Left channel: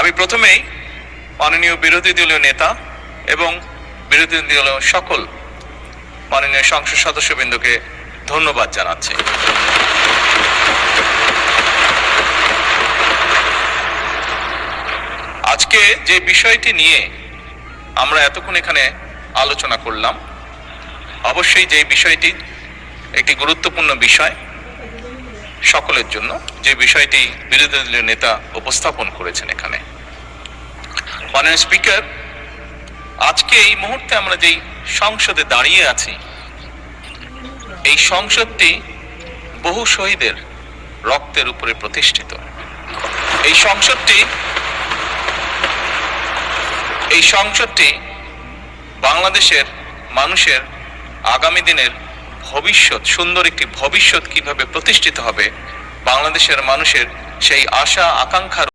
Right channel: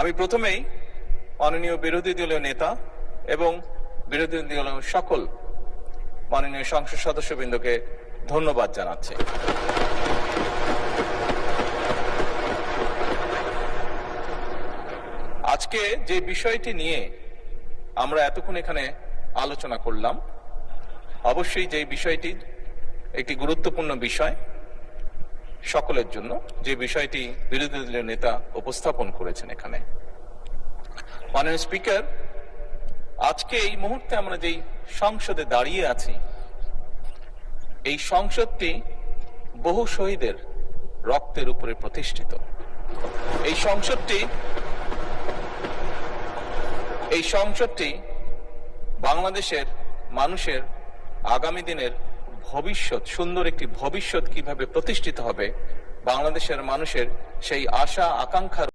আমি প্রথমেই মাননীয় বিরোধী দলীয় নেতা এবং বিরোধী দলীয় সকল মাননীয় সংসদ সদস্যবৃন্দকে ধন্যবাদ জানাচ্ছি। আজকে যে বিষয়টি নিয়ে আমরা এতক্ষণ এখানে আলোচনা করলাম, অবশ্যই যে বিষয়টি একটি গুরুত্বপূর্ণ বিষয় সকলের জন্য, যে বিষয়টি বিরোধী দলীয় নেতা উপস্থাপন করেছেন এখানে। মাননীয় স্পিকার, আজকে এই মুহূর্তে আমরা যেই সংসদে দাঁড়িয়ে আছি, এই সংসদটি বহু শহীদের রক্তের উপরে প্রতিষ্ঠিত। এই সংসদটি বাংলাদেশের মানুষের আগামী দিনের ভবিষ্যৎ, সুন্দর একটি ভবিষ্যৎ কিভাবে প্রতিষ্ঠিত হবে, বাংলাদেশের মানুষের সেই আশা আকাঙ্ক্ষার